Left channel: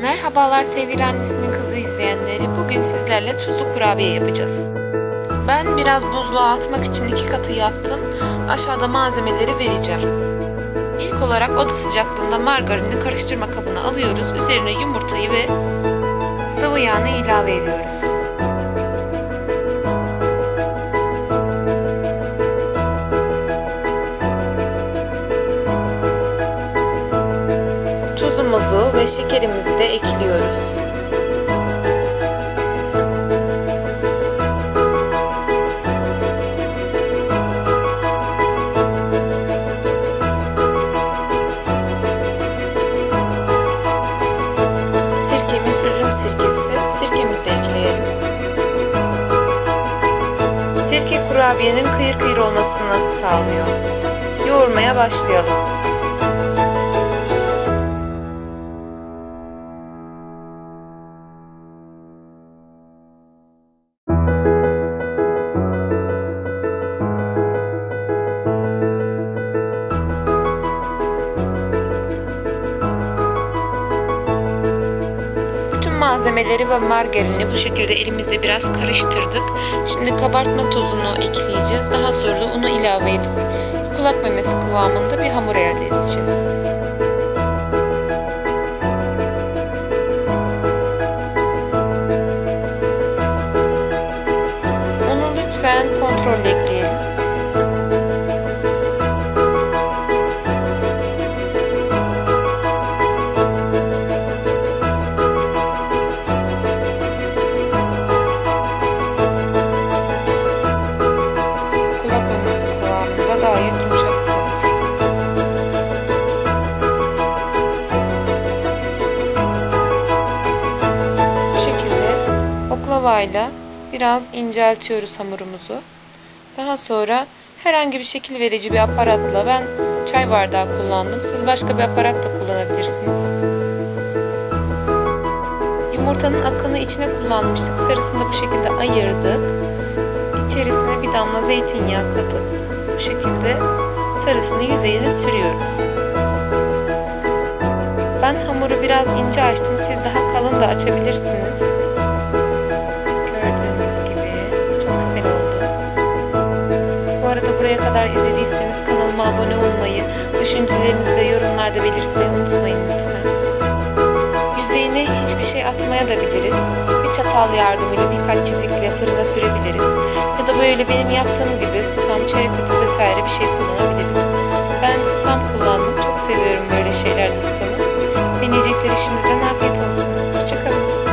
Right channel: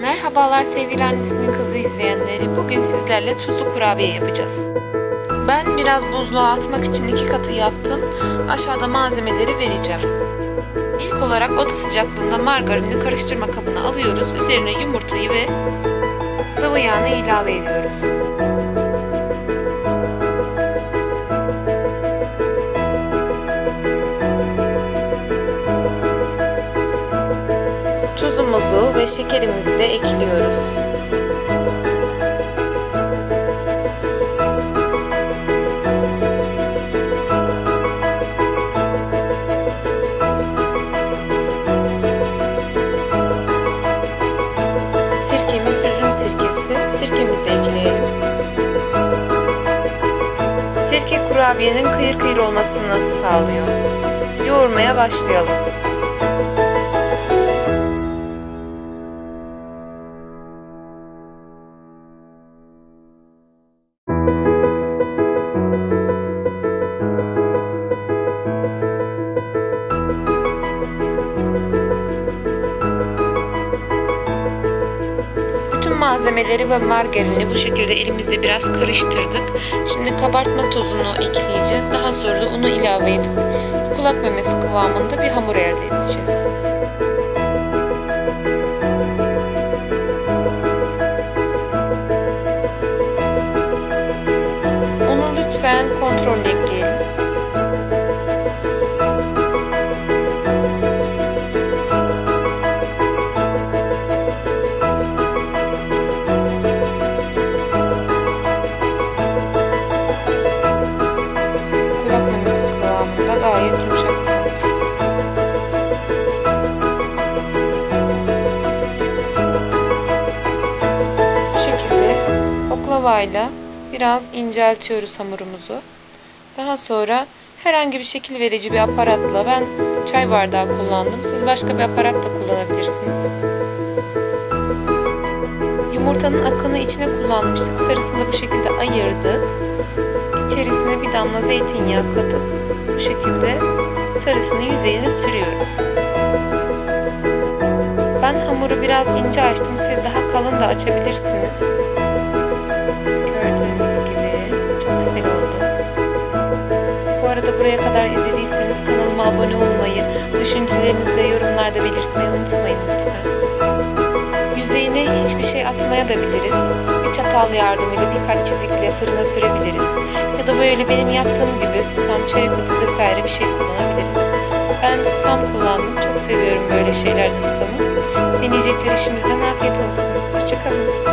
Merhabalar sevgili annesinin kızı izleyenleri. Bugün sizlerle tuzlu kurabiye yapacağız. Ben biraz buzluğa atmak için iki katı yaptım. Aşağıda malzemeleri vereceğim. İlk olarak oda sıcaklığında margarini karıştırma kabına alıyoruz. Üzerine yumurtayı ve sıvı yağını ilave ediyoruz. Tuzumuzu ve şekerimizi de ekliyoruz. Sirkemiz üzüm sirkesi. Sirkemizi de ekleyelim. Sirke kurabiyenin kıyır kıyır olmasını sağlıyor. Yoğurmaya başlayalım. Malzemeleri ve margarini bu şekilde elimizde biraz karıştırdık. Şimdi kabartma tozunu ekleyeceğiz. Daha sonra da unu ilave edip kulak memesi kıvamında bir hamur elde edeceğiz. Unu lütfen kontrollü ekleyelim. Kıvamında gayet yumuşak hamur. Bu şekilde oklavayla biraz inceltiyoruz hamurumuzu. Daha sonra herhangi bir şekil verici bir aparatla ben çay bardağı kullandım. Siz başka bir aparat da kullanabilirsiniz. Yumurtanın akını içine kullanmıştık. Sarısını da bu şekilde ayırdık. İçerisine bir damla zeytinyağı katıp bu şekilde sarısını yüzeyine sürüyoruz. Ben hamuru biraz ince açtım. Siz daha kalın da açabilirsiniz. Gördüğünüz gibi çok güzel oldu. Bu arada buraya kadar izlediyseniz kanalıma abone olmayı, düşüncelerinizi de yorumlarda belirtmeyi unutmayın lütfen. Yüzeyine hiçbir şey atmaya da biliriz. Bir çatal yardımıyla birkaç çizikle fırına sürebiliriz. Ya da böyle benim yaptığım gibi susam, çörek otu vesaire bir şey kullanabiliriz. Ben susam kullandım. Çok seviyorum böyle şeylerde susamı. Deneyecekleri şimdiden afiyet olsun. Hoşçakalın.